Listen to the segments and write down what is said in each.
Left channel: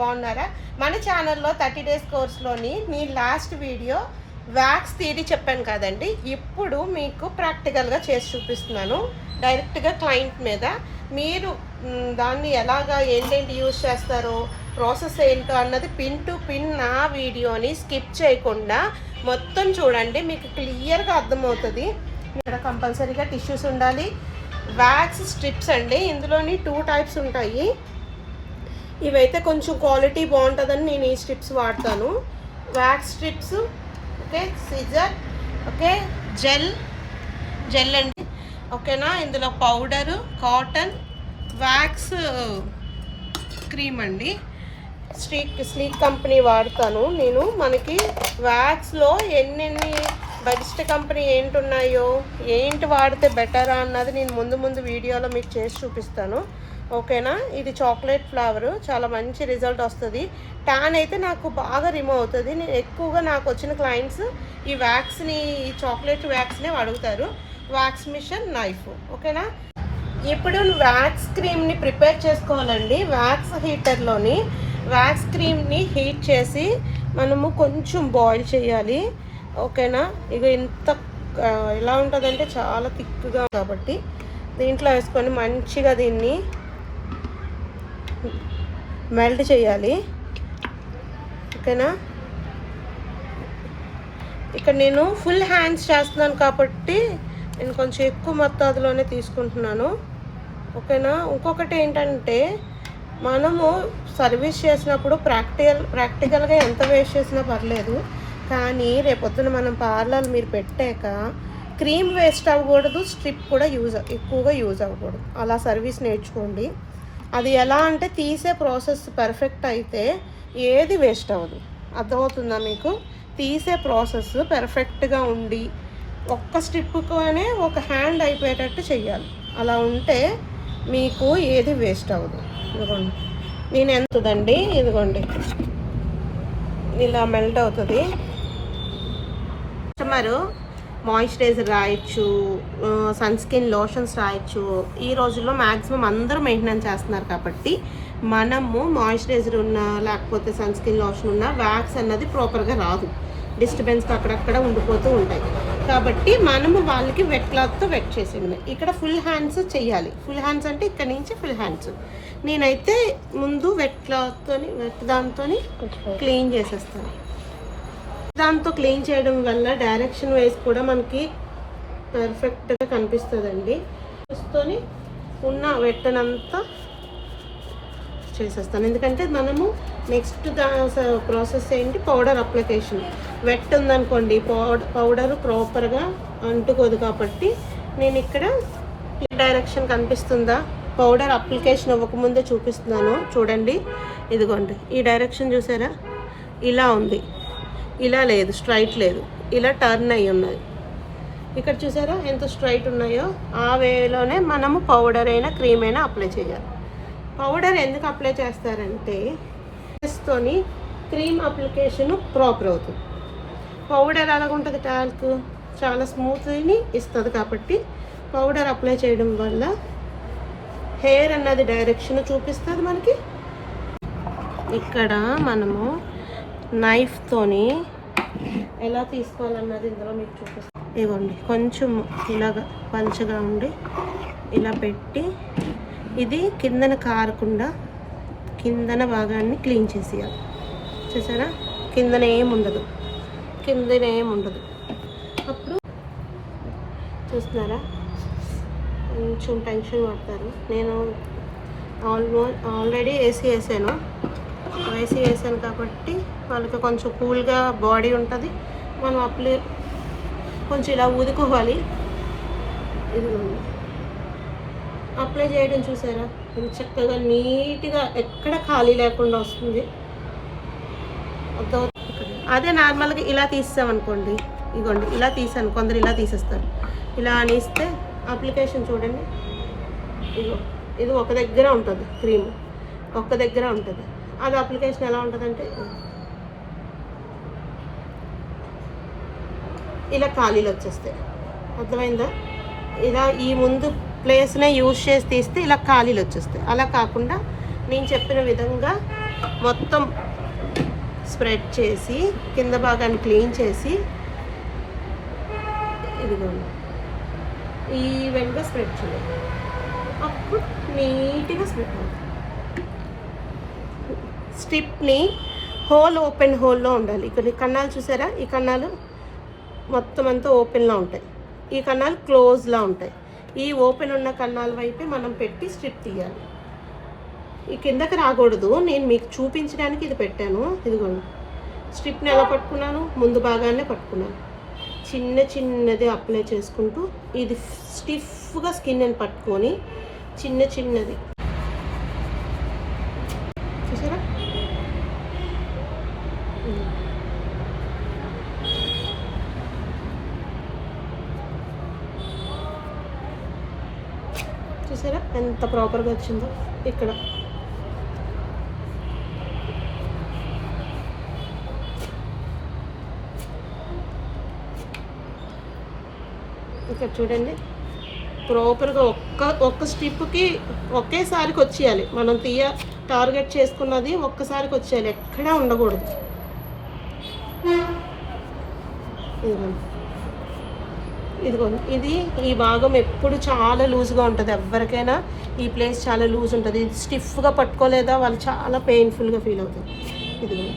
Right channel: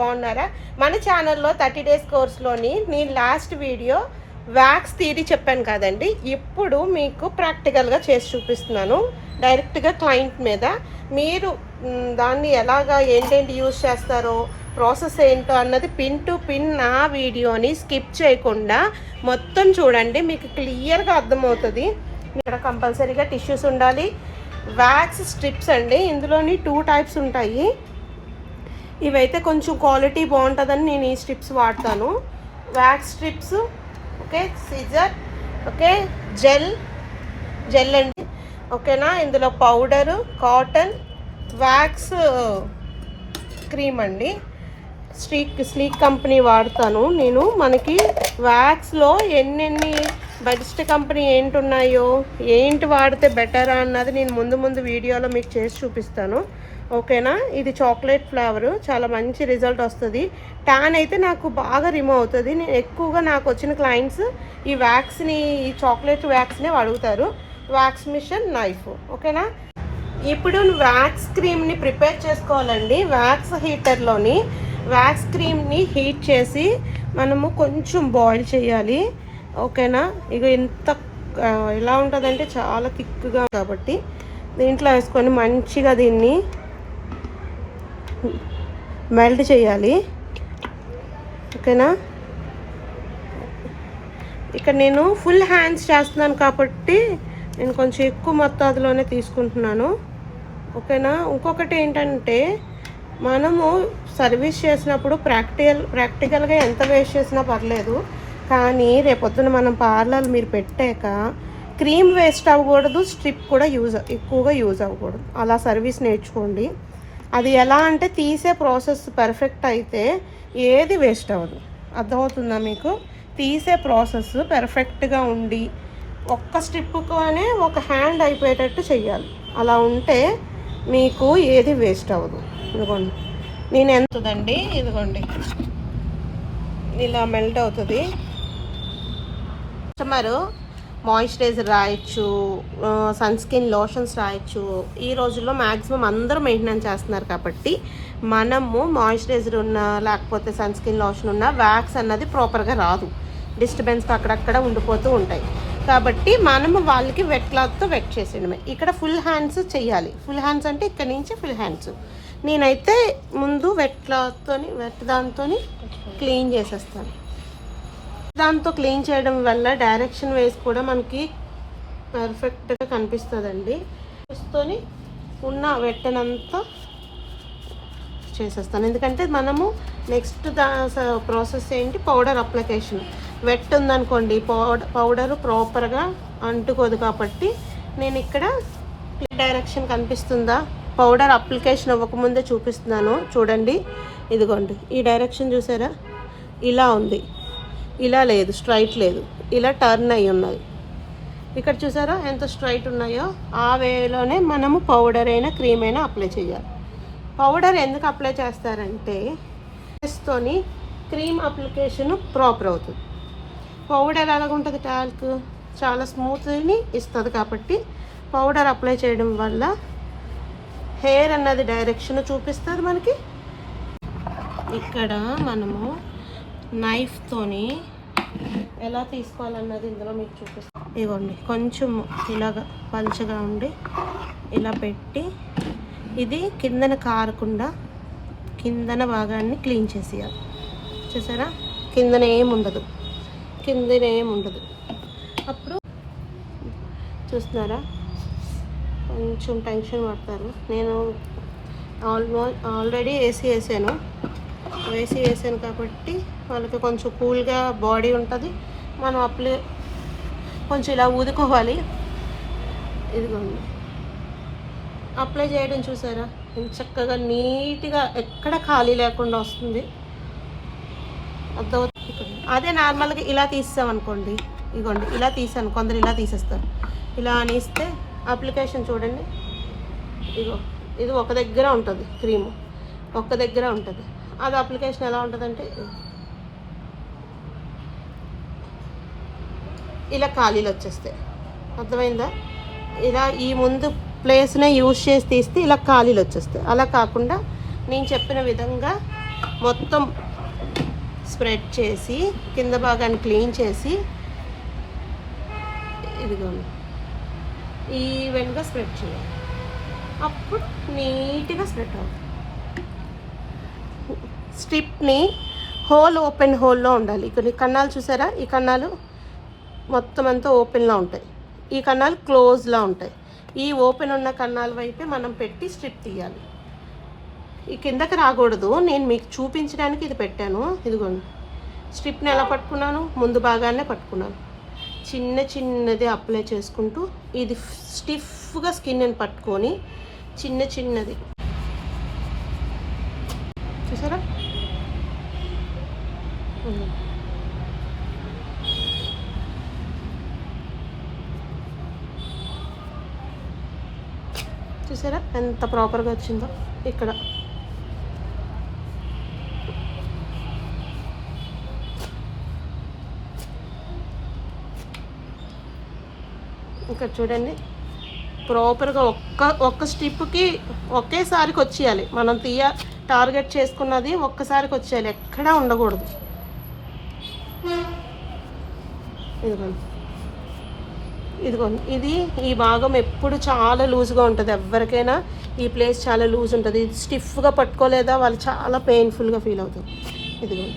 బాగున్నారా? మన ఛానల్లో 30 డేస్ కోర్స్లోని నేను లాస్ట్ వీడియో వ్యాక్స్ థియరీ చెప్పాను కదండి. ఇప్పుడు మీకు ప్రాక్టికల్గా చేసి చూపిస్తున్నాను డైరెక్ట్గా క్లయింట్ మీద. మీరు దాన్ని ఎలాగా ఏంటేంటి యూజ్ చేస్తారో, ప్రాసెస్ ఏంటో అన్నది పిన్ టు పిన్ నా వీడియోని స్కిప్ చేయకుండా మొత్తం చూడండి, మీకు క్లియర్గా అర్థమవుతుంది. ఇక్కడ కంపల్సరీగా టిష్యూస్ ఉండాలి. వ్యాక్స్ స్ట్రిప్స్ అండి, ఇందులోని 2 టైప్స్ ఉంటాయి. ఇవైతే కొంచెం క్వాలిటీ బాగుంటుందని నేను ఈ స్ట్రిప్స్ వాడతాను. Wax strips, okay, scissor, okay, gel అండి, ఓకేనా. ఇందులో పౌడరు, కాటన్, వ్యాక్స్ క్రీమ్ అండి. స్లీక్ కంపెనీ వాడతాను నేను. మనకి వ్యాక్స్లో ఎన్నెన్ని బెస్ట్ కంపెనీ ఏంటున్నాయో, ఏంటి వాడితే బెటరా అన్నది నేను ముందు వీడియోలో మీకు చేసి చూపిస్తాను, ఓకేనా. ఇది చాక్లెట్ ఫ్లేవరు, చాలా మంచి రిజల్ట్ వస్తుంది. ట్యాన్ అయితే నాకు బాగా రిమూవ్ అవుతుంది. నేను ఎక్కువగా నాకు వచ్చిన క్లయింట్స్ ఈ వ్యాక్స్ని, ఈ చాక్లెట్ వ్యాక్స్నే అడుగుతారు. వ్యాక్స్ మిషన్ నైఫ్, ఓకేనా. ఇప్పుడు వ్యాక్స్ క్రీమ్ని ప్రిపేర్ చేసుకోవాలండి. వ్యాక్స్ హీటర్లోని వ్యాక్స్ క్రీమ్ని హీట్ చేసి మనము కొంచెం బాయిల్ చేయాలి, ఓకేనా. ఇక ఎంత ఎలా ఉంటుందంటే చాలా థిక్గా కాబట్టి దీంట్లో వేసుకొని మంచిగా దీన్ని మెల్ట్ చేయాలి, ఓకేనా. ఇక్కడ నేను ఫుల్ హ్యాండ్స్ చేస్తున్నాను కాబట్టి నేను కొంచెం ఎక్కువ మొత్తాదులోనే తీసుకుంటున్నాను, ఓకేనా. ఇంకొకటి ఏంటంటే, మనము సర్వీస్ చేసినప్పుడు ప్రాక్టికల్గా ఎంత వేస్ట్ చేసినా పర్లేదు, కానీ రేపొద్దున మనం పార్లర్ మీరు పెట్టాక క్రీమ్ వేస్ట్ అవ్వకూడదు, స్ట్రిప్ కూడా ఎక్కువగా యూజ్ అవ్వకూడదు. అలా సర్వీస్ నేర్చుకోండి. అది ఎలా అంటే, తీసే ప్రాసెస్ పర్ఫెక్ట్ అయితే ఏది వేస్ట్ అవ్వదు. అర్థమవుతుందా మీకు? తీసే ప్రాసెస్ పర్ఫెక్ట్గా ఉండి ఒక్క స్ట్రిప్తోనే ఒక హ్యాండ్ అయిపోయేటట్టు చెయ్యాలి. అలా ఉంటే మీకు ఏది వేస్ట్ అవ్వదు. ఇదిగోండి, నేను ఎంతదండి, ఇదిగోండి ఇలా మెల్ట్ అవుతుంది. కస్టమరు మాయిశ్చరైజర్ రాయొచ్చు, సన్ స్కిన్ లోషన్స్ రాయొచ్చు. ఈ రోజుల్లో మ్యాక్సిమం అందరూ మెయింటెనెన్స్ చేస్తున్నారు కాబట్టి మనము మాయిశ్చరైజర్ ఉన్నా లేకపోతే సన్ స్కిన్ లోషన్ ఉన్నా వ్యాక్స్ అన్నది ప్రాపర్గా రాదు. డిస్టర్బెన్స్ అక్కడక్కడ ఉండిపోతూ ఉంటాయి. కాబట్టి మనము వాళ్ళకి వెట్ క్లాత్తో వెట్ చేసేయడమే. ఇక్కడ ఫుల్ హ్యాండ్స్ చెయ్యాలి. ఫుల్ హ్యాండ్స్ అంటే ఇక్కడ నుంచి ఫుల్ హ్యాండ్స్. నేనైతే ముందు వెట్ దాంతో క్లీన్ చేసేస్తాను. దాంతో క్లీన్ చేయడం వల్ల డైరెక్షన్ వైజ్ కూడా మనకి పర్ఫెక్ట్గా కనిపిస్తుందండి. చూసుకొని ఉన్న వెట్టనంతా చేసేస్తాను. ఎందుకంటే మనము నెక్స్ట్ ప్రాసెస్ ఏంటి, పౌడర్ అప్లికేషన్. వెట్ ఉందనుకోండి, పౌడరు ప్రాపర్గా అంటుకోదు కాబట్టి నేను ఇక్కడ డైరెక్షన్ కనిపిస్తుందా, పౌడర్ అప్లికేషన్ ఇవ్వకముందే చూపిస్తున్నాను చూడండి. ఇదిగోండి, ఈ డైరెక్షన్ చూసారా, ఇలా ఉంది, ఇలా లేదు, స్ట్రైట్ లేదు, ఇలా టర్న్ అయి ఉన్నాయి. ఇక్కడ చూసారా ఎంత స్ట్రైట్ ఉన్నాయో. ఆ వేలోనే మనము పౌడర్ అయినా క్రీమ్ అయినా అప్లై చేయాలి. పౌడర్ ఎందుకు అప్లై చేస్తారంటే తోని క్రీమ్ అప్లికేషన్ ప్రాపర్ అవుతుంది. పౌడర్ ఎలాగుంటుంది, టాల్క్ చాలా స్మూత్ని ఇస్తుంది కాబట్టి పౌడర్ అప్లై చేయడం వల్ల హెయిర్ అన్నది డైరెక్షన్ చూపిస్తుంది మనకి. ఇక్కడ మనము నైఫ్తోని ఎలా తీసుకోవాలన్నది ఇందులో మీకు చూపిస్తాను. ఇవ్వండి, కొంచెం ఇలాగా పల్చగా ఉండి ఇలా పెట్టి ఇది కిందన కారకుండా కిందన భాగాన్ని క్లీన్ చేసేయాలి. చూసారా, కిందన ఏముండదు. అప్పుడు చూస్తున్నారా, కొంచెం టెన్షన్ పడతారు. నేను ఆల్రెడీ ఏసీ వేసాను కాబట్టి వాళ్ళకి కొంచెం కూల్గా బాడీ ఉంటుంది. మనం కొంచెం ఇలా ఊదుకోవాలి. ఇదిగోండి, అప్లై చేయడం చూసారా, చక్కగా నీట్గా ఎక్కడ ఖాళీ లేకుండా వస్తుంది. అదే నార్మల్గా ఇలా తీసామనుకోండి, ఇదిగోండి ఇలా తీసాను, కొందరు ఇలా తీసేస్తారు. ఇలా అనిస్తే అప్లికేషన్ చూడండి, ఇది ఒక దగ్గర ఉంటుంది, క్రీమ్ ఒక దగ్గర ఉంటుంది. అది అప్లికేషన్ ఎలా ఉంటుందంటే ఇలా ఖాళీలు వచ్చేస్తాయి. అర్థమైందా? ఇలా ఈ ముందు ప్లేస్నే యూజ్ చేసి తీస్తే ఇలా ఖాళీలు వచ్చేస్తాయి. అలా కాకుండా నేను చెప్పిన విధంగా మొత్తం స్ప్రెడ్ చేసి కింద భాగాన్ని క్లీన్ చేసి ఇదిగోండి ఈవెన్గా స్ప్రెడ్ చేయాలి. అప్పుడు నీట్గా స్ప్రెడ్ అవుతుంది. స్ట్రిప్ని ఓపెన్ హోల్లో ఉండాలి. ఇక్కడ ఈ కన్నాలు చూసారా, ఈ కన్నాలు మొత్తం అంతా ఓపెన్లో ఉంటాయి, ఈ కన్నాలు క్లోజ్లో ఉంటాయి. ఈ ఓపెన్ ఉన్న కన్నాల వైపే మనం పెట్టి స్ట్రిప్ తీయాలి. ఈ కిందకి రాకూడదు. నేను మీకు చూపించడానికి ఇది పెట్టాను. ఇదిగోండి స్ట్రిప్ని ఎలా పట్టుకున్నాను, ముందు భాగాన్నే పట్టుకున్నాను. చిన్నది అప్లై చేసుకుంటూ ఇది స్టిఫ్గా స్కిన్ని పట్టుకొని చిన్నది చూసారా, చూసారా ఎంత ప్రాపర్గా వచ్చిందో. ఇక్కడ చూడండి ప్రాపర్గా ఒక్క స్ట్రిప్కి ఒకేసారికి వచ్చేయాలి. మనం టార్గెట్ చేసుకున్నది ఒక్కసారికి వచ్చేయాలి, ఎక్కడా ఉండకూడదు. ఇదిగోండి ఇది ఈ భాగం ఎప్పుడు చాలా లూజ్గా ఉంటుంది. ఎవరికైనా ఈ ప్లేస్ చాలా లూజ్ ఉంటుంది. ఇది స్టిఫ్గా పట్టుకోలేదా వాళ్ళు చాలా పెయిన్ఫుల్గా ఫీల్ అవుతుంది. ఇదిగో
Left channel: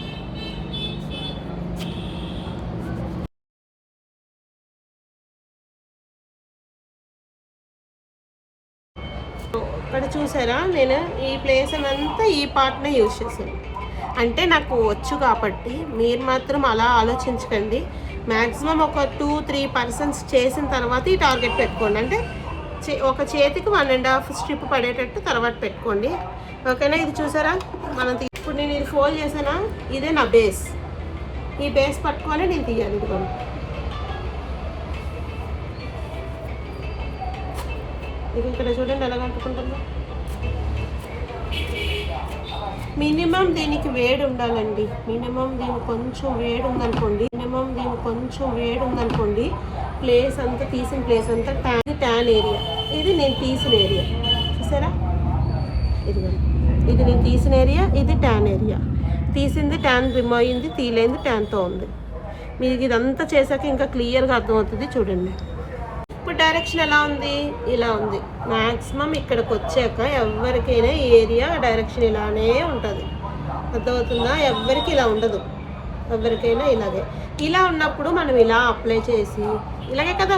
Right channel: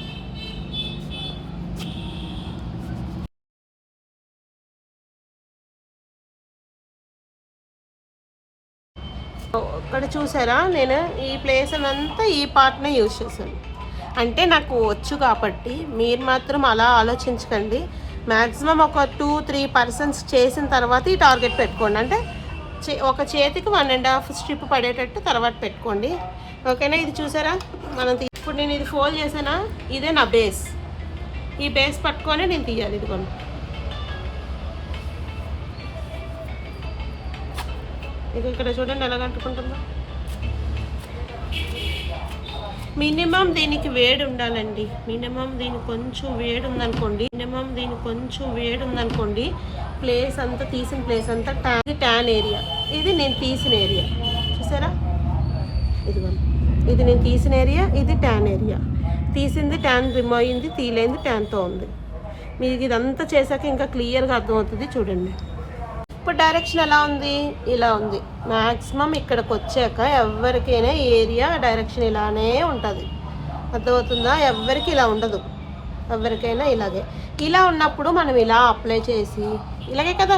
ఇక్కడ చూసారా, నేను ఈ ప్లేస్ అంతా ఈ పార్ట్నే యూజ్ చేశాను. అంటే నాకు వచ్చు కాబట్టి మీరు మాత్రం అలా ఆలోచించకండి. మ్యాక్సిమం ఒక 2-3% చేసిన తర్వాత ఈ టార్గెట్ పెట్టుకోండి. అంటే ఒక చేతికి 1.5 స్ట్రిప్ పడేటట్టు తర్వాత పెట్టుకోండి. ఓకేనా. ఇది చూసారా, ఇప్పుడు నేను ఇది ఫోల్డ్ చేసానా, ఇదే నా బేస్. ఈ బేస్ పట్టుకొని నేను తీయాలి. ఇదిగోండి ఇక్కడ చూడండి ఎలా కట్టుకుంటుందో. మినిమం దీనికి వేడి ఉండాలండి. మినిమం దీనికి కొంచెం వేడి ఉందనుకోండి, ప్లేస్ అంతా తీసిన ప్లేస్ అంతా ట్యాన్ ఏరియా. ఇది నేను తీసిన ఏరియా చూసారా, ఇది నేను తీసిన ఏరియా, ఇది ట్యాన్ ఏరియా. తీసింది ట్యాన్ రిమూవ్ అయింది, తీలేంది ట్యాన్తో ఉంది. మీకు ఇదంతా చేశాక ఇంకా క్లియర్గా అర్థమవుతుంది. చూడండి ఇప్పుడు డైరెక్షన్ ఎలా ఉంది, ఇలా ఉంది. మ్యాక్సిమం ఇక్కడికి వచ్చాక ఎవరికైనా ఏరియా డైరెక్షన్ ఇలానే ఉంటుంది. అర్థమవుతుందా, ఎవరికి ఇలా ఉండదు, ఎవరికైనా ఇలాగే. ఇలా ఉన్నప్పుడు మనం ఇలా అప్లై చేసి ఇలాగే కదా,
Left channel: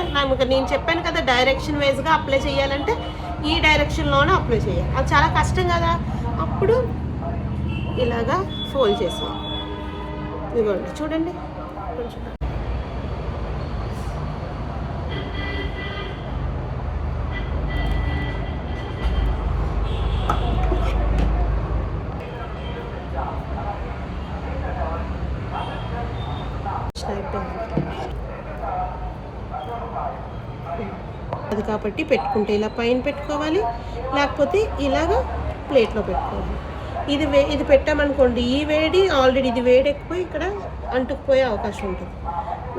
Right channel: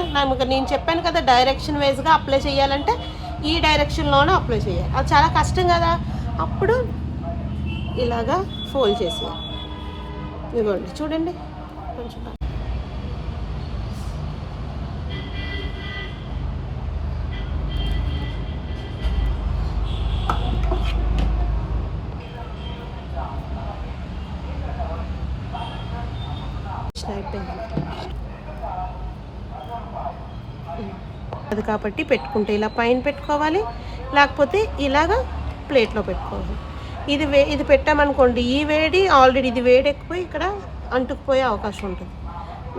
నేను చెప్పాను కదా డైరెక్షన్ వైజ్గా అప్లై చేయాలంటే ఈ డైరెక్షన్లోనే అప్లై చేయాలి. అది చాలా కష్టం కదా. అప్పుడు ఇలాగా ఫోల్డ్ చేసి ఇదిగోండి చూడండి. అది కాబట్టి పెట్టుకుంటే ఇలా పైన పెట్టుకోవాలి, లేకపోతే ఇలాగా ప్లేట్లో పెట్టుకోవాలి. ఇది పెట్టామనుకోండి, ఈ వేడి ఆల్రెడీ ఇది వేడి ఎక్కువ ఇక్కడ అంటుకుపోయే అవకాశం ఉంటుంది.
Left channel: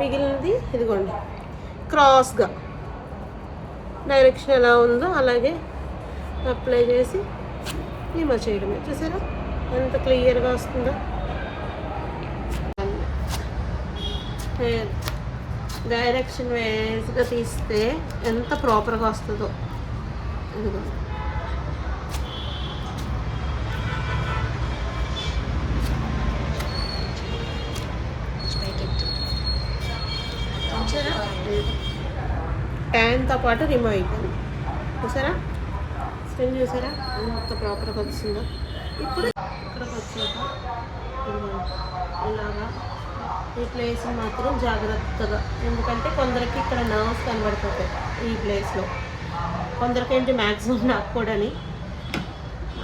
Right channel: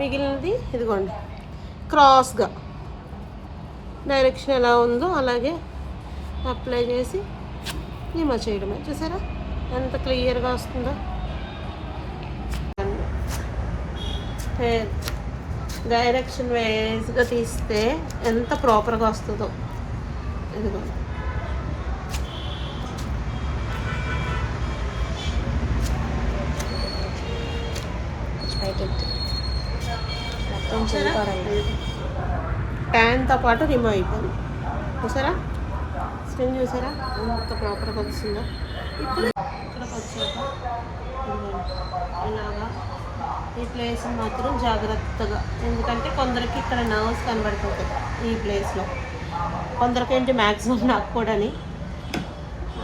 మిగిలినది ఇదిగోండి క్రాస్గా డైరెక్షన్ ఎలా ఉందో అలాగే అప్లై చేసి రిమూవ్ చేయడమే. చూసారా ఎంత క్లియర్గా వస్తుందో. డైరెక్షన్ వేస్గా తీస్తే ఎంత ప్రాపర్గా వస్తుందో. ఇదిగోండి ట్యాన్తో పాటు రిమూవ్ అయిపోయింది. చూసారా స్కిన్ చూసారా ఎంత ప్రాపర్గా వచ్చిందో. ఇప్పుడు ఇక్కడికి వచ్చాక ఇలాగా ఈ ప్లేస్ మాత్రం జాగ్రత్తగా, ఎందుకంటే కొందరికి ఇక్కడ నర్వ్స్ కనబడిపోతాయి ఈ ప్లేస్లో, కొందరికి ఏంటి మ్యాక్సిమం నాకు కూడాని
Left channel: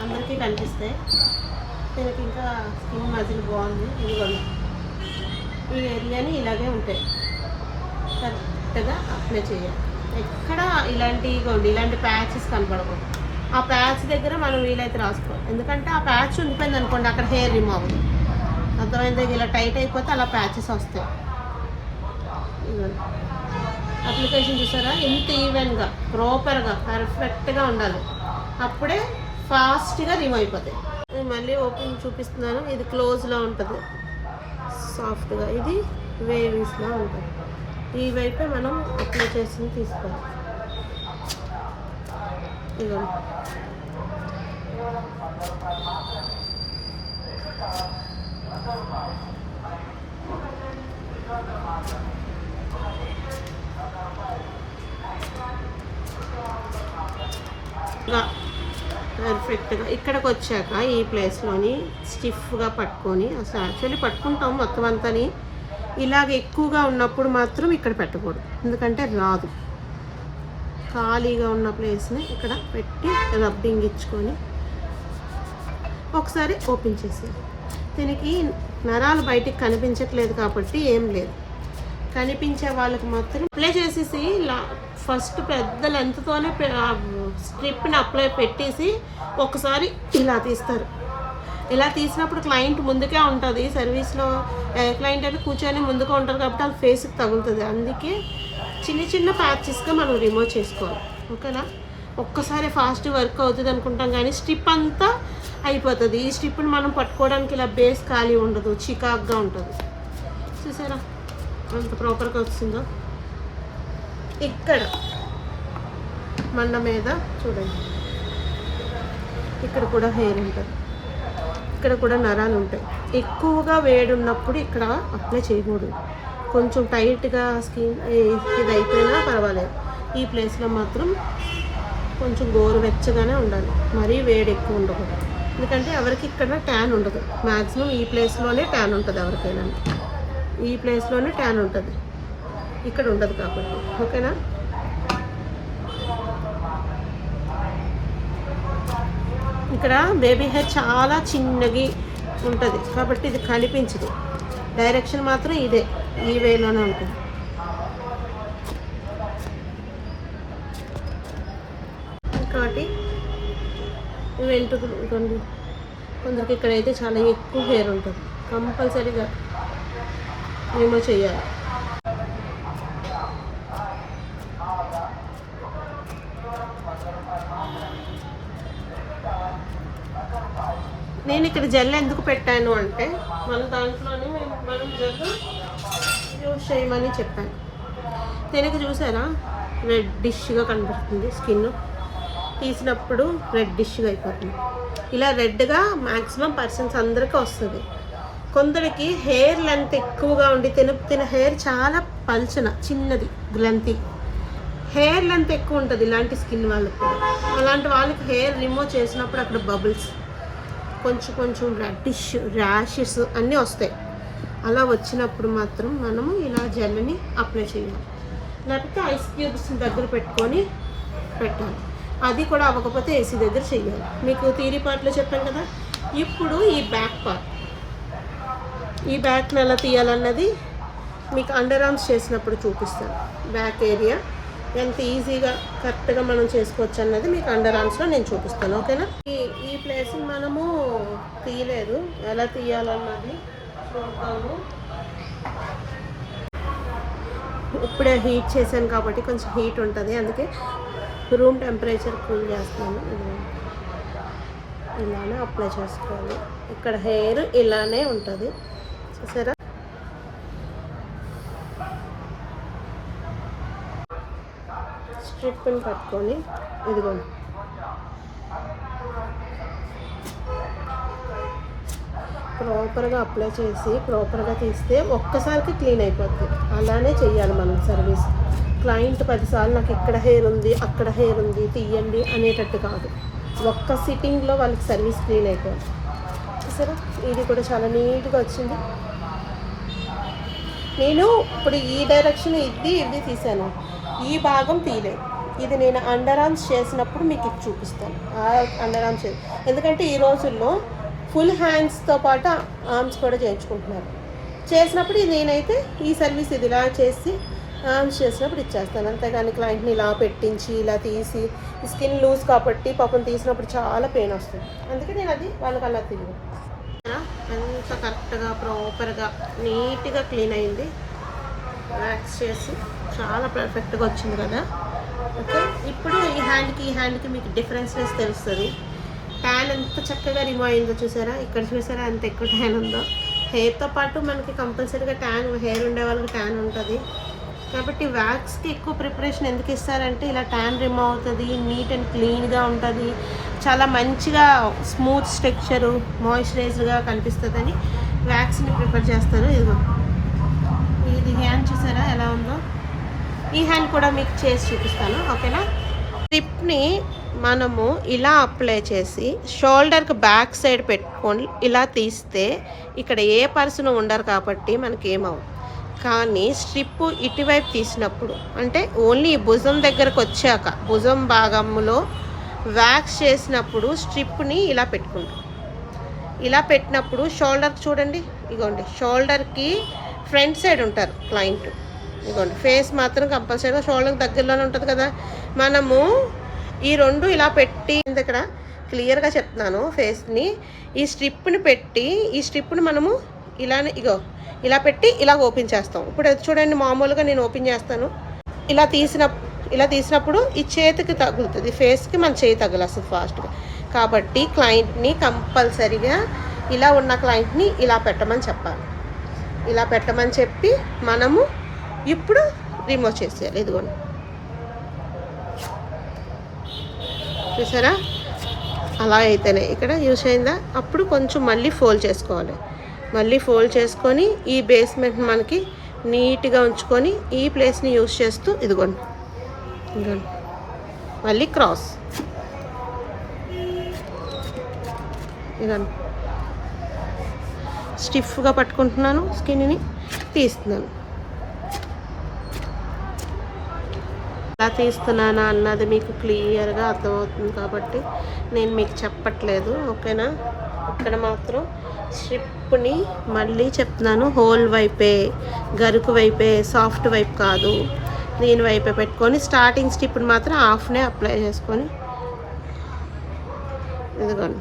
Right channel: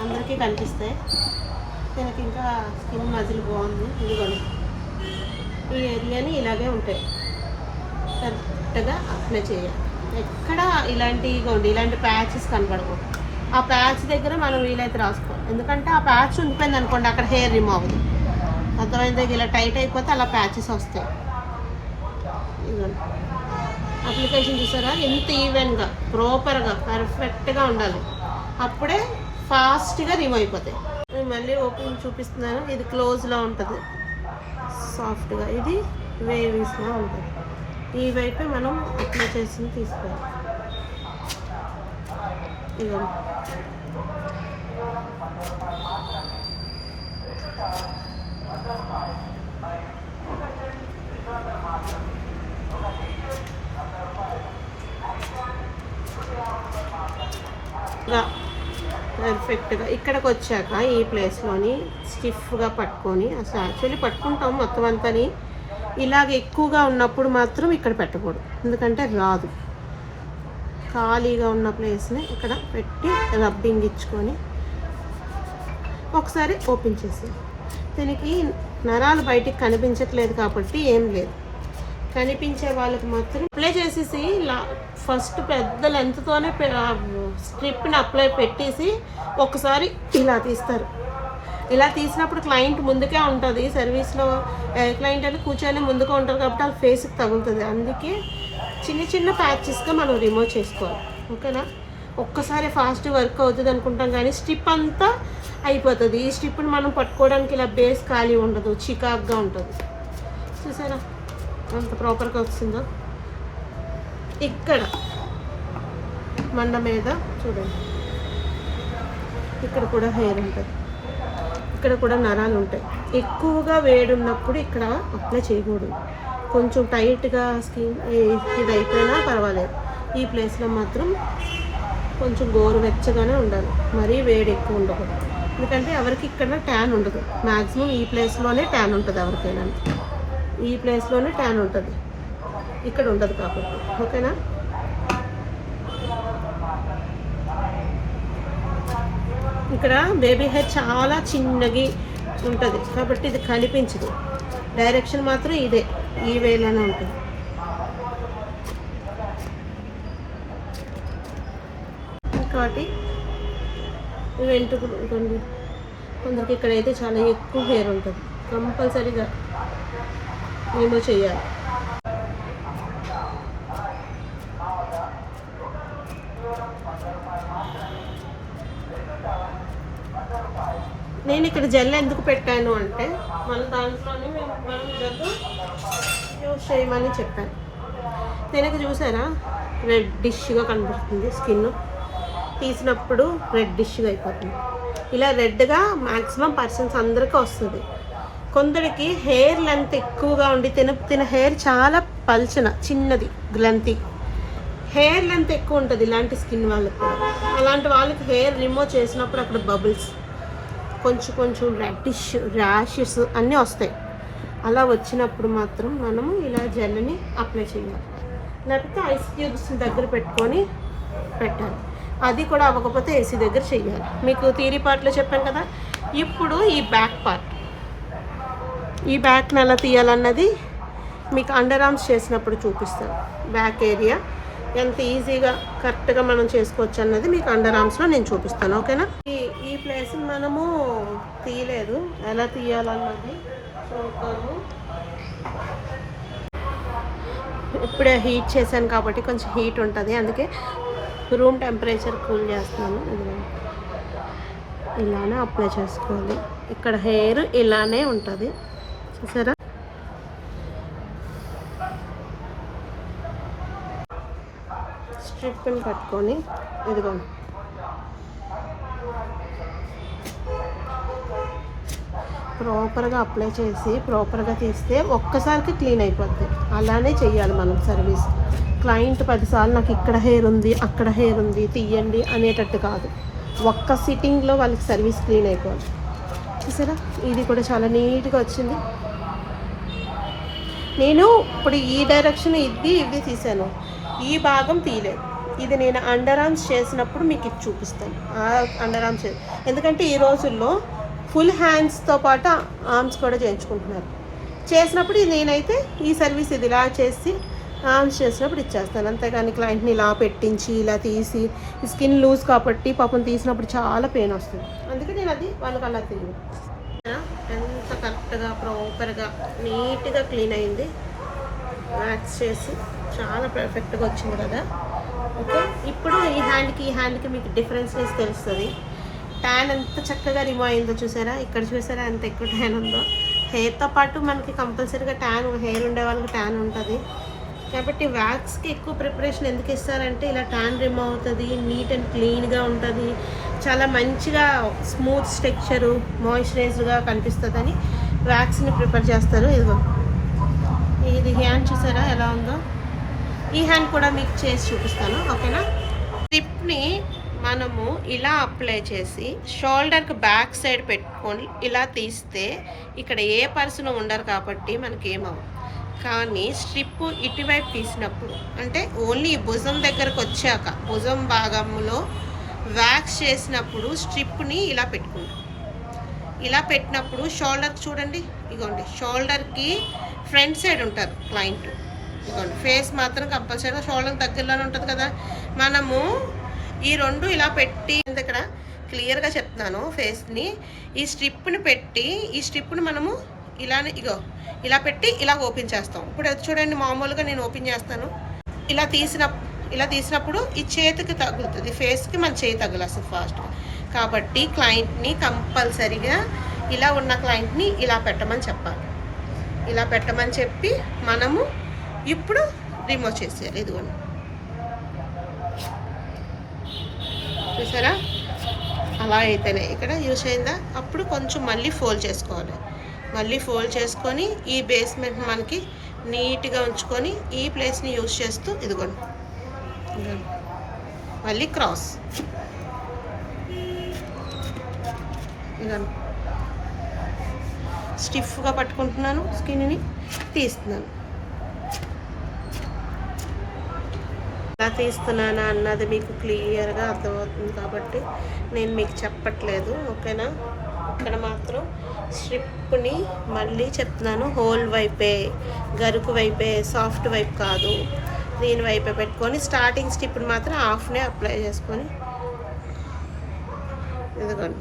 అందరికీ కనిపిస్తాయి. దీనికి ఇంకా స్కిన్ మజిల్ బాగుంది. ఇదిగోండి ఈ ఏరియాని ఇలాగే ఉంటాయి, కరెక్ట్గా అప్లై చేయాలి. ఎక్కడ ఇలాంటి ప్యాచెస్ కనపడకూడదు. ఆ ప్యాచ్ దగ్గర మనం వీలైతే రాసుకోవాలి, ఎందుకంటే ఆ ప్యాచ్ ఉండిపోయింది అనుకోండి అక్కడ హెయిర్ రిమూవ్ అవ్వదు. అర్థమైంది, ఇలా టైట్ అయిపోతే అలా ప్యాచెస్ వస్తాయి. ఇదిగోండి అప్లికేషన్ చూసారా ఎంత ఈవెన్గా ప్రాపర్గా పర్ఫెక్ట్గా ఉండాలి, అప్పుడే ఫాస్ట్గా రిమూవ్ అయిపోతాయి. మళ్ళీ ఓపెన్ చూపిస్తున్నాను. ఇది క్లోజ్లా ఉంటుంది, సాఫ్ట్గా. ఇది వేవీస్లా ఉంటుంది. ఈ వైపే మనం అప్లై చేసి తీసుకోవాలి. ఇదిగో పర్ఫెక్ట్గా ఇక్కడికి వచ్చాక ఈ ప్లేస్లోని స్టిఫ్గా పట్టుకొని, అసలు యాక్చువల్లీ పట్టుకుంటాం మొత్తం అంతని. ఇలాగ ఎక్కువగా ఉన్నప్పుడు మాత్రం ఇక్కడ పెట్టకూడదు, ఎందుకంటే రాదు. ఖాళీగా ఉన్న ప్లేస్ని ఇక్కడ పెట్టి రబ్బింగ్ ఇచ్చుకొని ఒకసారి ఓపెన్ చేసేది. దీనికి నరాలు బయటికి కనిపించట్లేదు కాబట్టి ఏం లేదు. కనిపించే వాళ్ళకి మాత్రం అప్లై చేసేసి ఫస్ట్ పెద్ద లెంత్తోనే స్ట్రిప్ని అప్లై పెట్టేసి ఒకసారి ఇలా తీస్తారు. ఇలా తీసినప్పుడు క్లయింట్ ముందుకే ఉంటుంది. సర్వీస్లో క్లయింట్ అంటే కూర్చొని ముందుగా ఉంటారు కాబట్టి వాళ్ళ ఫేస్కి తగులుతుంది. అందుకే చిన్న చిన్న ప్యాచెస్గా మనం రిమూవ్ చేసుకోవాలి. ఓకేనా? ఒక్కసారి ఫాస్ట్ వర్క్ అవుతుంది అనుకుంటాం కానీ స్ట్రిప్ అంతా అయిపోతుంది. ఈ స్ట్రిప్ని మనం పట్టుకోవడానికి ఇలా బేస్ ఖాళీ ఉండదు, చికాక్గా ఉంటుంది. చూసారా అంత ప్రాపర్గా వస్తుందో? ఇక్కడ మండ మీద చూడండి, ఇక్కడ కూడా హెయిర్ ఉంటుంది, ఇక్కడ కూడా నరాలు ఉంటాయి. ఎక్కువగా వేడి ఉన్నప్పుడు ఇక్కడ అప్లై చేయకూడదు. కొంచెం టైట్గా స్కిన్ ఇది అయిపోయినా పర్వాలేదు. ఈ ప్లేస్లో మాత్రం కొంచెం గోరువెచ్చగానే ఉండాలి, మరీ వేడి ఎక్కువ ఉండకూడదు. ఎందుకంటే ఎవరికి ఇక్కడ ట్యాన్ ఉండదు. మ్యాక్సిమం ఈ ప్లేస్లోనే ట్యాన్ ఉంటుంది. ఎవరికైనా ఈ ప్లేస్లోనే ట్యాన్ ఉంటుంది, ఇక్కడ ఉండదు కాబట్టి. ఓకేనా? ఇక్కడ బేబీ హెయిర్ చాలా చిన్నగి ఉంటుంది కాబట్టి ఇది కనిపించదు. డైరెక్షన్ మాత్రం ఇదే, ఈ వేలోనే ఉంటుంది. ఇంకోటి వెంట్రుకలు ఉంటుంది. కొందరికి ఇక్కడైతే చాలా ఎక్కువ హెయిర్ ఉంటుంది, కంపల్సరీగా రిమూవ్ చేయాలి. నేను ఇక్కడ జెల్ ఎందుకు పెట్టాను అంటే మన దాంట్లోనే మనం జెల్ యూజ్ చేయమని చెప్పాను. దీనికి చూసారా రెడ్డిష్గా కనబడుతుంది, స్కిన్ తీసినప్పుడు రెడ్డిష్గా అయిపోతుంది. ఇలా రెడ్గా మ్యాక్సిమం పర్సన్స్ అందరికీ వస్తుంది. కొందరికి హెయిర్ లెంత్ ఎక్కువగా ఉండి తిన హెయిర్ చాలా పల్చన చిన్నది లెంత్, హెయిర్ లెంత్ ఎక్కువ ఉంటుంది ఇలాంటి స్కిన్ వాళ్ళకి కూడా. అలాంటి వాళ్ళకి హెయిర్ రిమూవ్ చేసినప్పుడు అక్కడ బబుల్స్, కొంచెం కొంచెం రెడ్డిష్ ర్యాషెస్ అన్నీ వస్తాయి. అలా వచ్చినప్పుడు మాత్రం మనము ఇలా జెల్ని అప్లై చేయాలి, లేకపోతే ఐస్ క్యూబ్స్ దగ్గర పెట్టుకొని పెట్టాలి. అది కూడా అవ్వకపోతే ఏసీ దగ్గర చేయాలి. మీకు థియరీ పార్ట్లో చెప్పాను కదా. ఇప్పుడు ఈ బ్యాక్ పార్ట్, ఈ బ్యాక్ని ఎలా తీయాలన్నది మీకు అండర్ ఆర్మ్స్ చేసినప్పుడు చూపిస్తాను. బ్యాక్ ఏరియా ఎంత ఈజీగా కరెక్ట్గా మనం చేసుకోవచ్చు అన్నది మీకు అండర్ ఆర్మ్స్లో నేను చూపిస్తాను. ఓకేనా? ఈ ప్లేస్ మనము తీయలేదు, ఎలా తీయాలన్నది చూద్దాము. ఇప్పుడే హీట్ చేశాను కాబట్టి కొంచెం హీట్ ఉంటుంది, అందుకే రూమ్ టెంపరేచర్ కూల్ చేస్తాను. ఇలానే అప్లై చేసుకోవాలి. ఇక్కడ హెయిర్ ఇలానే ఉంటుంది, చూసారా? స్ట్రిప్ని పట్టుకొని ఇదిగోండి ప్రాపర్గా అప్లై చేసి ప్రాపర్గా తీస్తే ఒక్కసారికి క్లీన్ అయిపోతుంది. అలానే చేయాలి మనం సర్వీస్. క్లయింట్ 10 సార్లు నాకు ఇక్కడ హెయిర్ ఉంది, అక్కడ హెయిర్ ఉంది, తీయండి అనేటట్టు కాదు. ఒక్క సిట్టింగ్లో వాళ్ళకి సర్వీస్ క్లీన్ అయిపోయింది. చూసారా? ఇది కూడా చాలా నీట్గా వచ్చింది. నేను ఇప్పుడు ఈ డైరెక్షన్ ఇది తీసాను, ఈ భాగం తీయలేదు. ఇది నేను అండర్ ఆర్మ్స్ చేసినప్పుడు మీకు ఇది చూపిస్తాను. అండర్ ఆర్మ్స్ ఎందుకంటే ఈ రోజుల్లో ఫుల్ హ్యాండ్స్తో పాటు ఆర్మ్స్ కూడా చేయించుకుంటున్నారు. చేసినప్పుడు నేనైతే ఈ సర్వీస్ ఇది ఇలా చేసి ఆర్మ్స్ చేసినప్పుడు ఇచ్చేస్తాను. అంతేగాని క్లయింట్ని ఇలా పెట్టించి ఇలా తీసి స్కిన్ లూజ్ కాబట్టి పాపం తీసినప్పుడు చాలా పెయిన్ వస్తుంది. అందుకే నేను అది వాళ్ళకి అలా తిరిగి ఎంత కరెక్ట్గా ప్రాపర్గా నీట్గా క్లీన్ అయింది. వ్యాక్స్ చేసి చాలా పర్ఫెక్ట్గా వచ్చింది కదా. ఓకే, ఇప్పుడు ఈ హ్యాండ్కి మీకు డిఫరెన్సెస్ తెలుస్తుంది. ట్యాన్ ఎంత చక్కగా రిమూవ్ అయిందో చూసారా, ఇక్కడ చూసారా ఎంత ఎక్కువ ట్యాన్ ఉందో. హెయిర్తో పాటు మనకి కంపల్సరీగా ట్యాన్, హెయిర్ ఉండే వాళ్ళకి ట్యాన్ ఉంటుంది కాబట్టి వ్యాక్స్కి ఎక్కువ ప్రిపరేషన్ ఎందుకు ఇస్తారంటే ఇలా ట్యాన్ రిమూవ్ అవుతుంది, నీట్ అండ్ క్లీన్గా ఉంటుంది, చాలా మంచిగా స్మూత్ స్ట్రక్చరు మాయిశ్చరైజ్డ్గా కనిపిస్తుందని వ్యాక్స్ని ప్రిపేర్ చేస్తారు. ఇదిగో ఇది హ్యాండ్ చూసారా ఎలా ఉందో, ఈ హ్యాండ్ కూడా మీకు చేసి చూపిస్తాను ఓకేనా. స్ట్రిప్ని మనము ఇలా అప్లై చేసి షోల్డర్కి బ్యాక్ సైడ్ పెట్టుకొని ఇలా తీస్తే ఇక్కడ ఏ పర్సన్ ఉండరు కాబట్టి మనకి ఏమవు. కానీ స్ట్రిప్ ఇటువైపు తీసినప్పుడు అంటే ఓన్లీ భుజం దగ్గరకు వచ్చాక భుజం భాగంలో వ్యాక్స్ చేసినప్పుడు స్ట్రిప్ని ఇలా పెట్టుకుంటాం. ఇలా పెట్టినప్పుడు షోల్డర్కి చూడండి, ఇగోండి షోల్డర్కి ఫ్రంట్ సైడ్ ఉంటారు క్లయింట్, ఇగోండి ఫేస్ మాత్రం కంపల్సరీగా షోల్డర్ దగ్గరలోనే ఉంటుంది కదా. మనము ఈ రెండు ఇలా పెట్టి ఇక్కడ క్లియర్గా చెప్తున్నాను ఫేస్ని, ఈ స్ట్రిప్ని పెట్టి ఈ స్ట్రిప్ని మనము ఇలానే ఇగో ఇలా పెట్టి ఇలా ఓపెన్ చేస్తాం. ఇప్పుడు చూడండి మామూలుగా నేను ఓపెన్ చేస్తాను, ఇలా తీసినప్పుడు ఈ చేతికి తగులుతుంది, ఫేస్కి మన చేయి తగులుస్తుంది ఫాస్ట్గా. కాబట్టి క్లయింట్ని కంపల్సరీగా ఇలా ఉన్న క్లయింట్ని ఇలా పెట్టమని చెప్పాలి. ఇలా పెట్టమని చెప్పి మనము ఇప్పుడు రిమూవ్ చేసేయాలి. ఇదిగోండి చూసారా, అలా అయితేనే ఇక్కడ యూస్ అయిందా. అప్పుడు కొంచెం మళ్ళీ ఫోల్డ్ చేసుకోవాలి, మళ్ళీ ఫోల్డ్ చేసుకొని ఈ బేస్మెంట్ మనకి నీట్గా ఉంచుకొని ఈ ప్లేస్ని యూస్ చేస్తూ ఇదిగోండి మళ్ళీ క్రాస్ ఇదిగోండి స్టిఫ్గా పట్టుకుంటున్నాను, స్కిన్ని తీస్తున్నాను. ఎలా తీస్తున్నానా అన్నది మీకు క్లియర్గా అర్థమవుతుంది కాబట్టి నేను మీకు చెప్పట్లేదు ఓకేనా. ఇక్కడ మాత్రం స్ట్రిప్ని మళ్ళీ చెప్తున్నాను, హోల్ వైపే, గరుకు వైపే, సాఫ్ట్ వైపు కాదు, దీని వైపే పెట్టుకొని స్టార్టింగ్ స్ట్రిప్ని మాత్రం హాఫ్నే అప్లై చేసుకొని ఇదిగోండి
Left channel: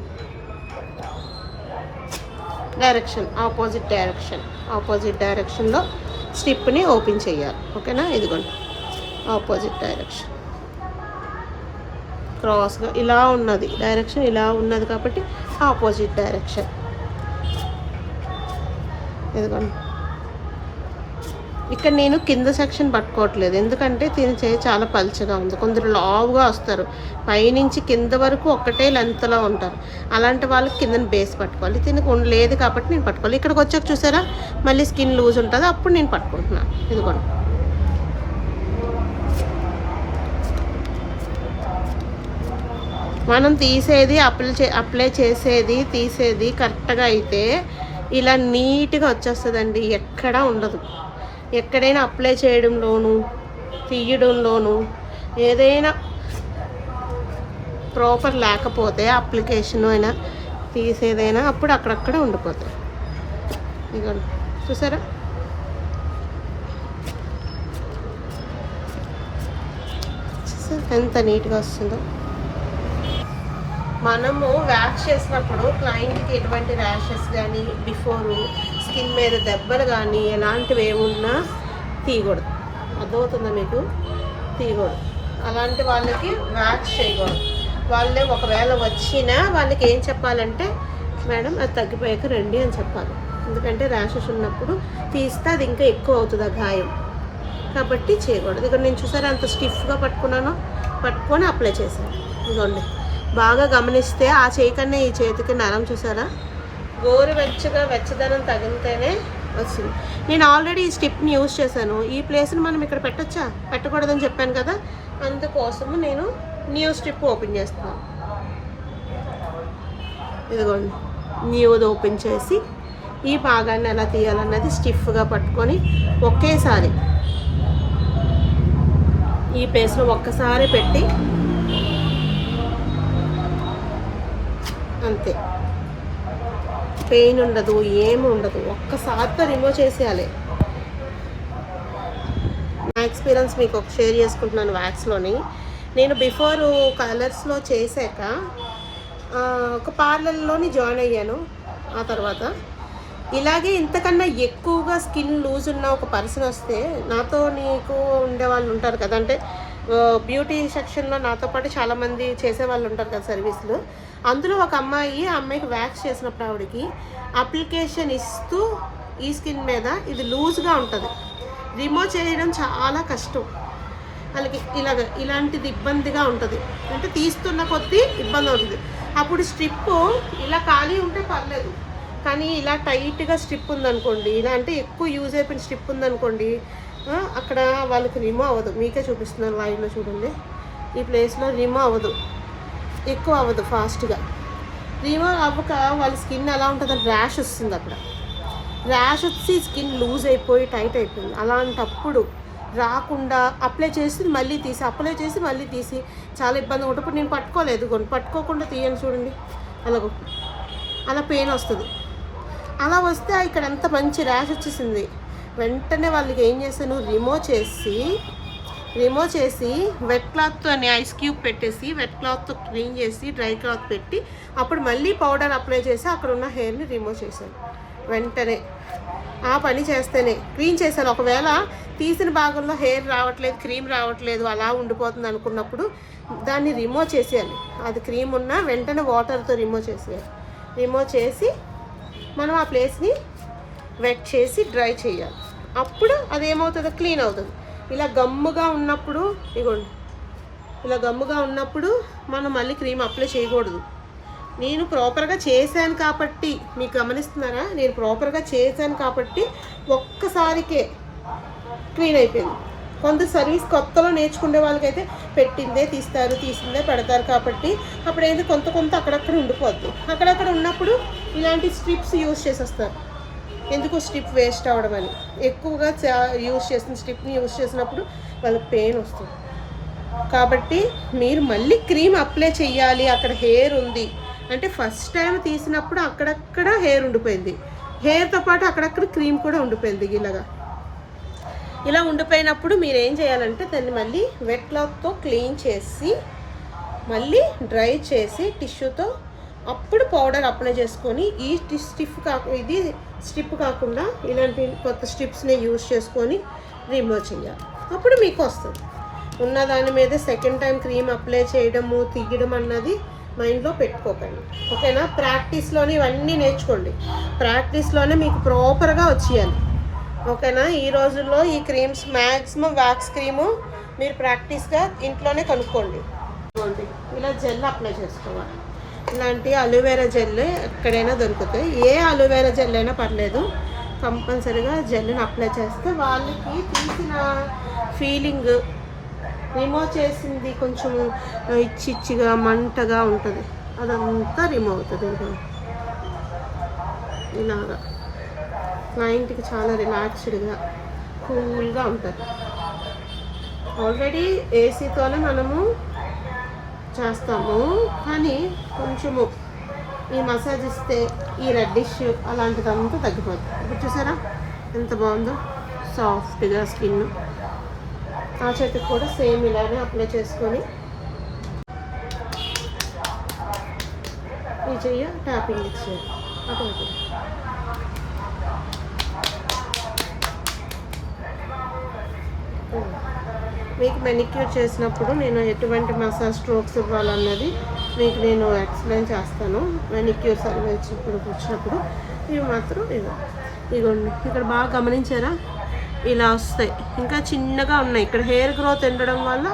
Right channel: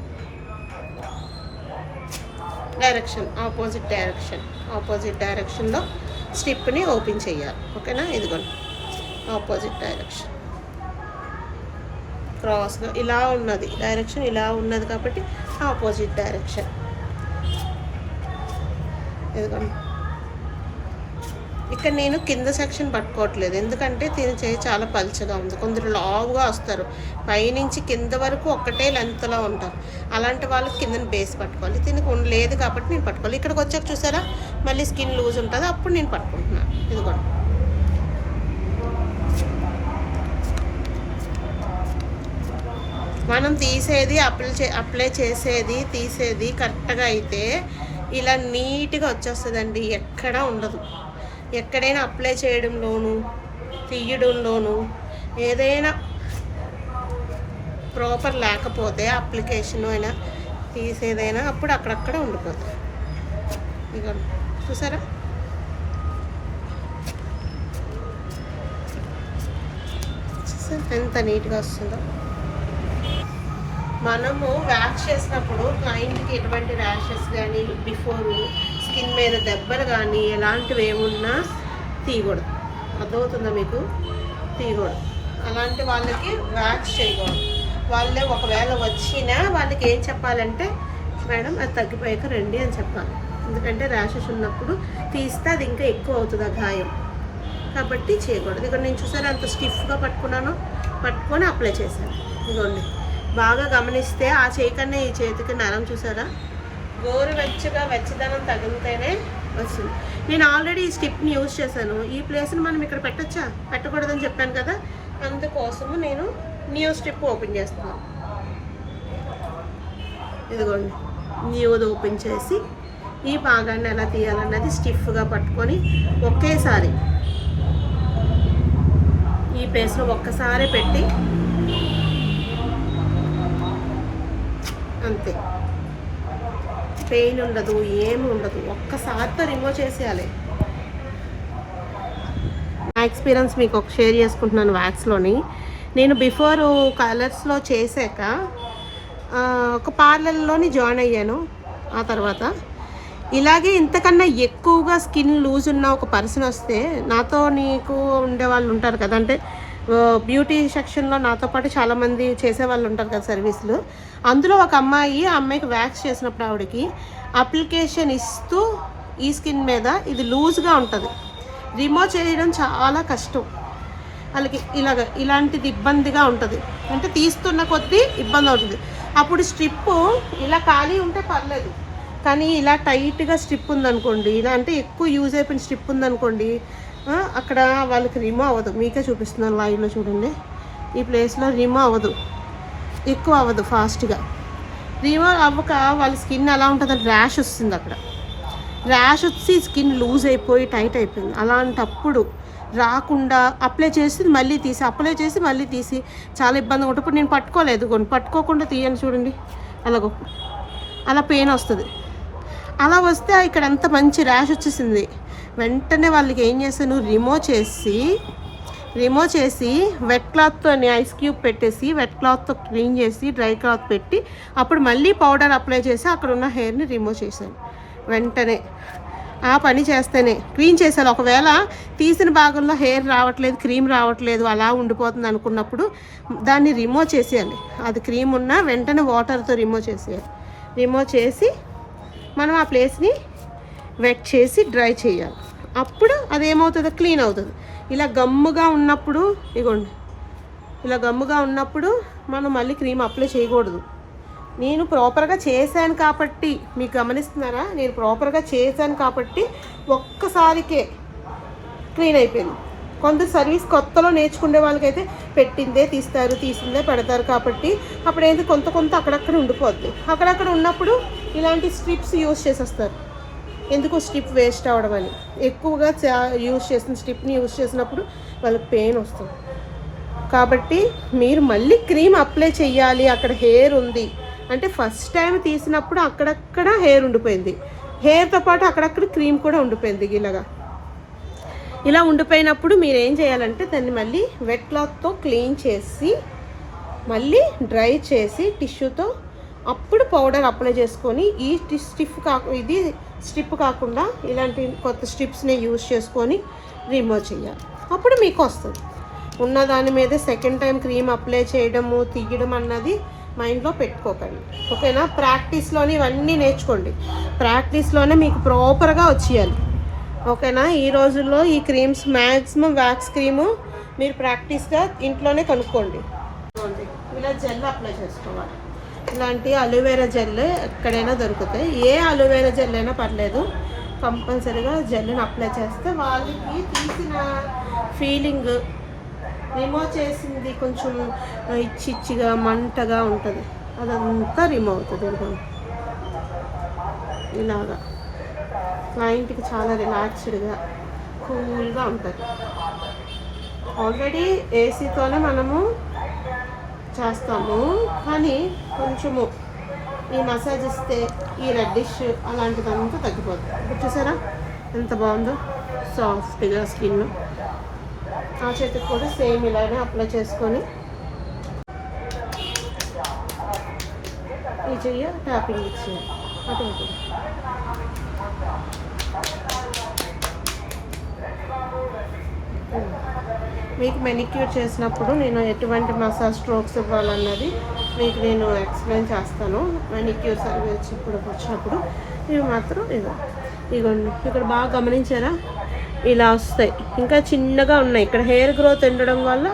ఆపోజిట్ డైరెక్షన్లో స్ట్రిప్ని ఓపెన్ చేయాలి ఓకేనా. ఇదిగోండి ఆపోజిట్ డైరెక్షన్ క్రాస్గా ఇలా ఉన్నది, డైరెక్షన్ ఇలా ఉన్నది కాబట్టి ఆపోజిట్ డైరెక్షన్. ఇదిగోండి ఇక్కడ నేను కింద సెక్షన్ పట్టుకోవట్లేదు ఎందుకంటే దీని చేయి చాలా పలుచగా ఉంది. కొందరు లావుగా వస్తారు, పైనుంచి కింద వరకు ఒక్కటే లెంత్లో ఉంటారు, అలాంటి వాళ్ళకి కిందని బేస్ పట్టుకోవాలి. దీనికి లేదు కాబట్టి నేను పట్టుకోవాలి. ఇక్కడికి వచ్చాక చూసారా మళ్ళీ స్కిన్ లూజ్ ఉంటుంది, అప్పుడు నేను పట్టుకుంటున్నాను. ఇదిగోండి మనం తీసేది అప్లై చేసేది తీసేది కరెక్ట్గా అయితే ఇలా నీట్గా వచ్చేస్తుందండి, ఎక్కడా ఉండదు. ఎక్కడైనా అప్లై చేయడంలోనూ తీయడంలోనూ ఏదైనా ప్రాపర్ లేకపోతే అప్లికేషన్ అయినా తీసేదైనా అప్పుడు అక్కడక్కడ ఉండిపోతాయి. ఇక చూసారా ఎంత నీట్గా వస్తుందో. మనము వ్యాక్స్ చేసినప్పుడు క్లయింట్కి ఎటువంటి ర్యాషెస్ కానీ బిఫోరు స్కిన్ మీద దెబ్బలు కానీ ఎలాంటివి ఏమున్నా తీయకూడదు, అర్థమవుతుందా మీకు, తీయకూడదు. అలాంటి వాళ్ళకి వ్యాక్స్ చేయకూడదు. వాళ్ళే ఒకవేళ వచ్చినా వాళ్ళకి ఏం చెప్పాలంటే మేడం అది తగ్గిపోయాక రండి అని చెప్పాలి. ఎందుకంటే ర్యాషెస్ ఉన్నప్పుడు తీస్తే అది ఇంకా ఎక్కువ అవుతుంది ఆ గాయం, కాబట్టి చేయకూడదు. ఇక్కడ నేను చూసారా అంత స్టిఫ్గా పట్టుకొని అప్లై చేశాను. ఇదిగోండి బాగా గమనిస్తే ఆ చేయి కన్నా ఈ చేతికి నరం చూసారా, గోరువెచ్చగా వెచ్చదనం తగిలితేనే వస్తుంది. నేను ఆల్రెడీ ఈ స్టిప్ని యూజ్ చేశాను. ఈ ప్లేస్ని మనం ఇక్కడ పెట్టచ్చా, పెట్టకూడదని చెప్పాను కదా, అందుకోసము నేను న్యూ స్టిప్ ఓపెన్ చేస్తున్నాను. ఇదిగోండి న్యూది ఓపెన్ చేసి ఈ భాగాన్ని ఎలా తీయాలన్నది స్టిఫ్గా పట్టుకొని ఒకేసారి ఈ ప్లేస్లో ఒక్కసారి పెట్టి అంతే, పెయిన్ ఉండదు, ఏమి ఉండదు, ఒక్కసారితో రిమూవ్ చేసేయాలి. నా ఎక్స్పీరియన్స్ మీకు ఒక షేర్ చేసుకుంటున్నాను. వ్యాక్స్లోని నేను బిఫోర్ కలర్స్లో చేశాక ఒక పార్లర్లోని జాయిన్ అయ్యాను. ఆ తర్వాత ఇలాగే ఇంతకన్నా ఎక్కువగా స్కిన్ లూజ్ ఉన్న ఒక పర్సన్ వస్తే నాతో నీకు ఉండే వాళ్ళు ఉంటారు కదా, అంటే బ్యూటీ సెక్షన్లో నాతో పాటు చాలామంది చేసేవాళ్ళు ఉంటారు కదా సర్వీసులు. అందులో ఒక అమ్మాయి, ఆ అమ్మాయికి వ్యాక్స్ చేసినప్పుడు ఆవిడకి అప్లికేషన్ ఇస్తూ ఈ స్కిన్ మీద ఇది లూజ్గా ఉంటుంది, రిమూవ్ చేయడం చాలా కష్టం వాళ్ళకి. ఇలాంటిది ఇబ్బందిగా ఉంటుంది, అంటే తీస్తున్న కొద్దీ ఇబ్బంది అవుతుంది. అప్పుడు స్ట్రిప్ ఇలా ఖాళీ ఉంటే పర్లేదు, కానీ ఇలా టైట్గా స్ట్రిప్ ఉందనుకోండి, ఇలా అంటే ఎక్కువ యూజ్ అయిపోయిన స్ట్రిప్ ఉందనుకోండి, అక్కడ వాళ్ళకి రిమూవ్ అవ్వదు. మీకే చూపిస్తున్నాను లైవ్లో చూడండి, ఈ ప్లేస్లో రిమూవ్ అవ్వదు, ఎక్కువ అవ్వదు, ఫాస్ట్గా రిమూవ్ అవ్వక వాళ్ళ స్కిన్ ఎలా ఉంటుంది, ర్యాష్ వస్తుంది. అక్కడ ర్యాష్ వచ్చి స్కిన్ లూజ్ అయిపోయి టైట్ అయిపోయింది. అలాంటప్పుడు రాకుండా అప్లై చేసి మళ్ళీ తీసి, అప్లై చేసి మళ్ళీ తీసి చాలా ఇబ్బందిగా ఉంటుంది. ఇప్పుడు నేను పట్టుకోలేదు, పట్టుకోకుండా తీయండి చూడండి, అలా పెయిన్ వస్తుంది. అలా వస్తే ఇక్కడ అంత మంచి ర్యాష్ వచ్చేసింది. వెంటనే వాళ్ళకి ఏం చేశాను, రిమూవ్ చేసి వెట్ క్లాత్తో ఐస్ క్యూబ్ పెట్టేసి వెట్ క్లాత్తో క్లీన్ చేసి డ్రై క్లాత్ పెట్టి అప్పుడు మళ్ళీ పౌడర్ అప్లై చేసి అక్కడ ఉన్న హెయిర్ని రిమూవ్ చేశాను. వెంటనే ఆ పని చేస్తేనే క్లీన్ చేశాను. ఒకవేళ తీసిన భాగంలో హెయిర్ రావట్లేదు, క్రీమ్ రావట్లేదు, అలా ఉండిపోతుంది అనుకున్నప్పుడు దాన్ని రిమూవ్ చేసేయాలి. అది క్రీమ్ ఉన్నా వెంటనే వాటర్తో రిమూవ్ చేసేయాలి. రిమూవ్ చేసి మనం ఆ ప్లేస్ని వెట్ చేసి డ్రై చేయాలి. అప్పుడు అదేమవుతుంది, క్లీన్ అవుతుంది. ఇలా గమ్ముగా ఉన్నప్పుడు, ఇగోండి ఇలా గమ్ముగా ఉన్నప్పుడు మనం మళ్ళీ క్రీమ్ అప్లై చేయకూడదు. నేను ప్రాపర్గా చేశాను కాబట్టి, మీకు గమనిస్తున్నారా, నేను ప్రాపర్గా చేశాను కాబట్టి ఒక్కసారికే క్లీన్ అయిపోయింది. కొంత సర్వీస్ కొత్తలో నేర్చుకునే వాళ్ళకైతే పెట్టిందే తీస్తారు, తీసిందే పెడతారు కాబట్టి అప్పుడైతే కొంత అక్కడక్కడ ఉండిపోద్ది. అక్కడక్కడ ఉన్నప్పుడు ఇలాంటి స్ట్రిప్స్ యూజ్ చేసేస్తారు. ఎందుకు స్ట్రిప్ వేస్ట్ అవ్వడం అని, ఎక్కువగా యూజ్ చేసిన స్ట్రిప్ని యూజ్ చేసినప్పుడు వాళ్ళకి పెయిన్ వస్తుంది. కాబట్టి మీరు మళ్ళీ క్రీమ్ అప్లై చేయాలి. అక్కడ హెయిర్ ఉంది అంటే ఫస్ట్ టైం తీసినప్పుడు అక్కడక్కడ హెయిర్ ఉండిపోయింది, హెయిర్తో పాటు అక్కడక్కడ క్రీమ్ కూడా ఉండిపోయింది. ఇలా ఉండిపోయినప్పుడు మీరు ఏం చేయాలంటే దాన్ని మళ్ళీ వెట్ క్లాత్తో క్లీన్ చేసి మళ్ళీ డ్రై చేసి టిష్యూతో అప్పుడు పౌడర్ అప్లై చేసుకొని ఇది స్ట్రిప్ కాకుండా ఇలాంటి కొత్త స్ట్రిప్స్ని యూజ్ చేసుకొని రిమూవ్ చేయాలి. అప్పుడు మీకు వస్తుంది. ఉన్న దాని మీద సెకండ్ టైం క్రీమ్ అప్లై చేయడము తీయడం అన్నది మైండ్లో పెట్టుకోకండి, ఓకేనా? ప్రాక్టీస్లోనే ఇవన్నీ నేర్చుకోండి, ప్రాక్టీస్లోనే మీకు ప్రాపర్గా వచ్చేయాలి, ఓకేనా? ఈ రోజుల్లో ఈ క్రీమ్స్ మ్యాక్సిమం వ్యాక్స్ క్రీము మీరు ప్రాక్టీస్గా ఇంట్లోనే కొనుక్కోండి. ఇలా జెల్ అప్లై చేసుకోవాలి. ఇలాంటి అలోవెరా జెల్ ఎక్కడైనా దొరుకుతాయి, ఏ అలోవెరా జెల్ అయినా పర్లేదు, కంపల్సరీగా జెల్ని అప్లై చేస్తే వాళ్ళకి తీసిన ఫీలింగ్, రిమూవ్ చేసింది కొంచెం ఇచ్చిగా మంటగా ఉంటుంది, అదంతా రిమూవ్ అవుతుంది. ఇలాగా క్లయింట్కి చాలా రిలాక్స్డ్గా కూల్గా ఉంటుంది. ఆల్రెడీ ఏసీతోనే మనము చేస్తాము, కానీ కొంచెము ఈ మసాజ్ ఇస్తే ఈ రెడ్డిష్ అలాంటిదంతా తగ్గిపోతుంది. ఇప్పుడు చూసారా ఎంత బాగుందో, సాఫ్ట్గా స్కిన్. ఆ చేతికి కూడా సేమ్ ఇలానే అప్లై చేసుకొని ఈ చెయ్య ట్యాపింగ్ ఇచ్చేయాలి ఆటోమేటిక్గా. మీకు మెనిక్యూర్ చేసినప్పుడు నేను ఎటువంటి మసాజ్ స్ట్రోక్స్ ఇవ్వాలన్నది మీకు నేను ఎక్స్ప్లెయిన్ చేస్తాను. మెనిక్యూర్ సర్వీస్ ఇప్పుడు వచ్చినప్పుడు ఇవి మాత్రం ఇగోండి, ఇక్కడ బాగా గమనించారా, ఇలా వస్తాయి. ఇంకా చిన్నగా ఉన్నాయి, ఇక్కడ హెయిర్ గ్రోత్ ఉండడం వల్ల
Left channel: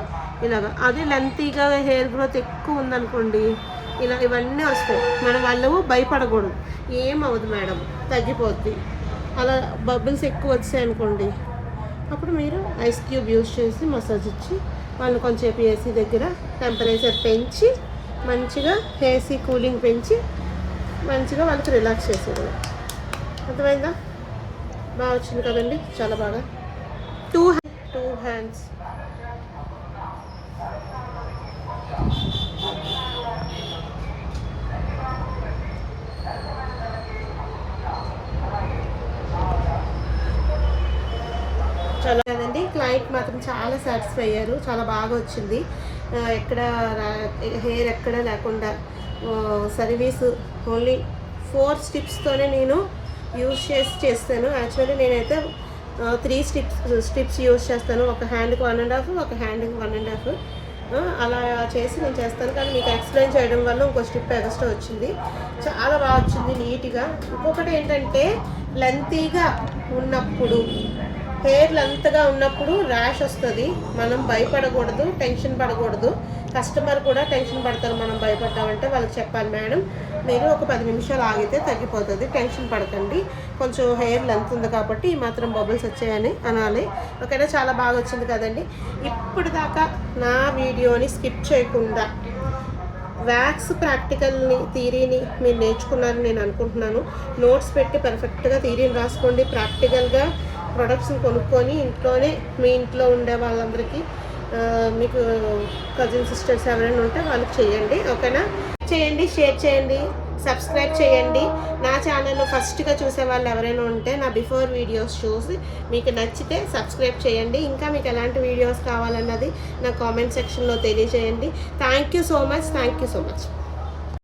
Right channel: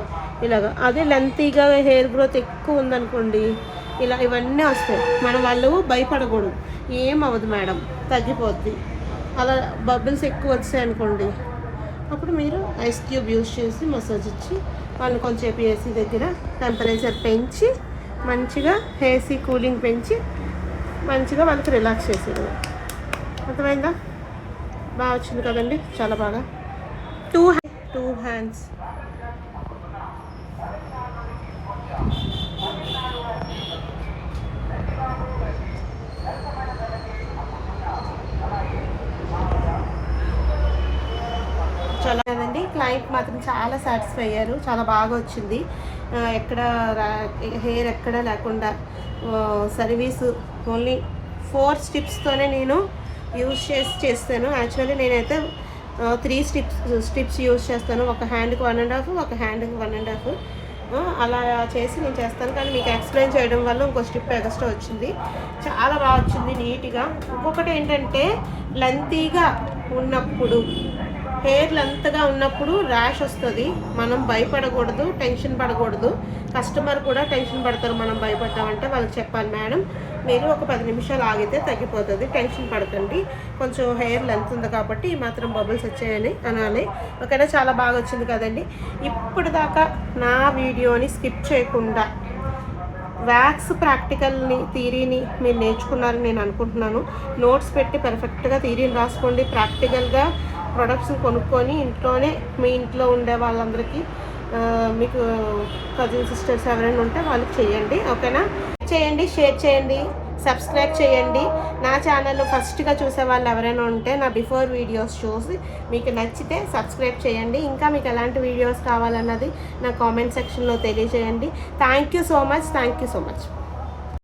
ఇలాగా. అదే లెంతీగా హెయిర్ గ్రోత్ ఎక్కువ ఉందనుకోండి, ఇలా ఇవన్నీ వస్తాయి. మన వాళ్ళు భయపడకూడదు, ఏం అవ్వదు మేడం, తగ్గిపోద్ది. అలా బబుల్స్ ఎక్కువ వచ్చాయి అనుకోండి, అప్పుడు మీరు ఐస్ క్యూబ్ యూజ్ చేసి మసాజ్ ఇచ్చి వాళ్ళని కొంచెంసేపు ఏసీ దగ్గర టెంపరేచర్ పెంచి మంచిగా ఏసీ కూలింగ్ పెంచి మంచిగా వాళ్ళకి రిలాక్స్ చేసేది. అర్థమైందా? బాగా వచ్చింది కదండి, చాలా బాగా. టూ హ్యాండ్స్ చాలా కదండి. క్లయింట్ మాత్రం చాలా సాటిస్ఫై అయ్యారు, చాలా బాగా వచ్చింది. ఎక్కడ హెయిర్ ఎక్కడ లేకుండా సర్వీసు ఓన్లీ 4 స్టెప్స్తోనే నేను యూజ్ చేస్తాను. యాక్చువల్లీ నేనైతే 3 స్ట్రిప్స్ యూస్ చేస్తాను. ఒక హ్యాండ్కి 1.5, ఒక హ్యాండ్కి 1.5 అలా చేసి నేను చేస్తాను. కానీ మీకు ఎక్స్ప్లెయిన్ చేయడం వల్ల ఇంకో స్ట్రిప్ ఎక్స్ట్రా వచ్చింది. చాలా బాగా వచ్చింది నీట్గా. ఇంకొకటి ఏంటంటే లెంతీగా ఉన్నప్పుడు, హెయిర్ లెంత్గా ఉన్నప్పుడు ర్యాష్ వస్తుంది. మనం భయపడకూడదు, టెన్షన్ పడకూడదు. కస్టమర్ కూడా టెన్షన్ పడతారు మనం భయపడ్డామంటే. వాళ్ళకి చెప్పాలి, మేడం మీరు ఒక 10 నిమిషాలు ఆగితే తగ్గిపోతుంది, టెన్షన్ పడకండి, కొంచెం హెయిర్ లెంత్ ఉంది కాబట్టి ఈ మాత్రం బబుల్స్ వచ్చాయని అనాలి. ఓకేనా, చాలా బాగా వచ్చింది కదండి. ఇప్పుడు దాకా నా వీడియోని స్కిప్ చేయకుండా వ్యాక్స్ ప్రాక్టికల్ని, థియరీని మీరు నేర్చుకున్నారని నేను అనుకుంటున్నాను. నోట్స్ పెట్టి పర్ఫెక్ట్గా థియరీని రాసుకోండి. ప్రాక్టికల్గా ప్రొడక్ట్స్ని కొనుక్కొని ఇంట్లోనే మీ ఇంట్లో ఉండే వాళ్ళందరికీ, మీకు కజిన్ సిస్టర్స్ ఎవరైనా ఉంటే వాళ్ళకి చేయండి. ఓకేనా, చేయండి, షేర్ చేయండి, సబ్స్క్రైబ్ చేయండి. నా ఛానల్లో ఫస్ట్గా చూసే వాళ్ళు ఎవరైనా ఉంటే నా బిఫోర్ వీడియోస్ చూసి మీకు నచ్చితే సబ్స్క్రైబ్ చేయండి. ఇంకా మీకు ఎలాంటి వీడియోస్ కావాలన్నది నా కామెంట్ సెక్షన్లో తెలియజేయండి. Thank you so much.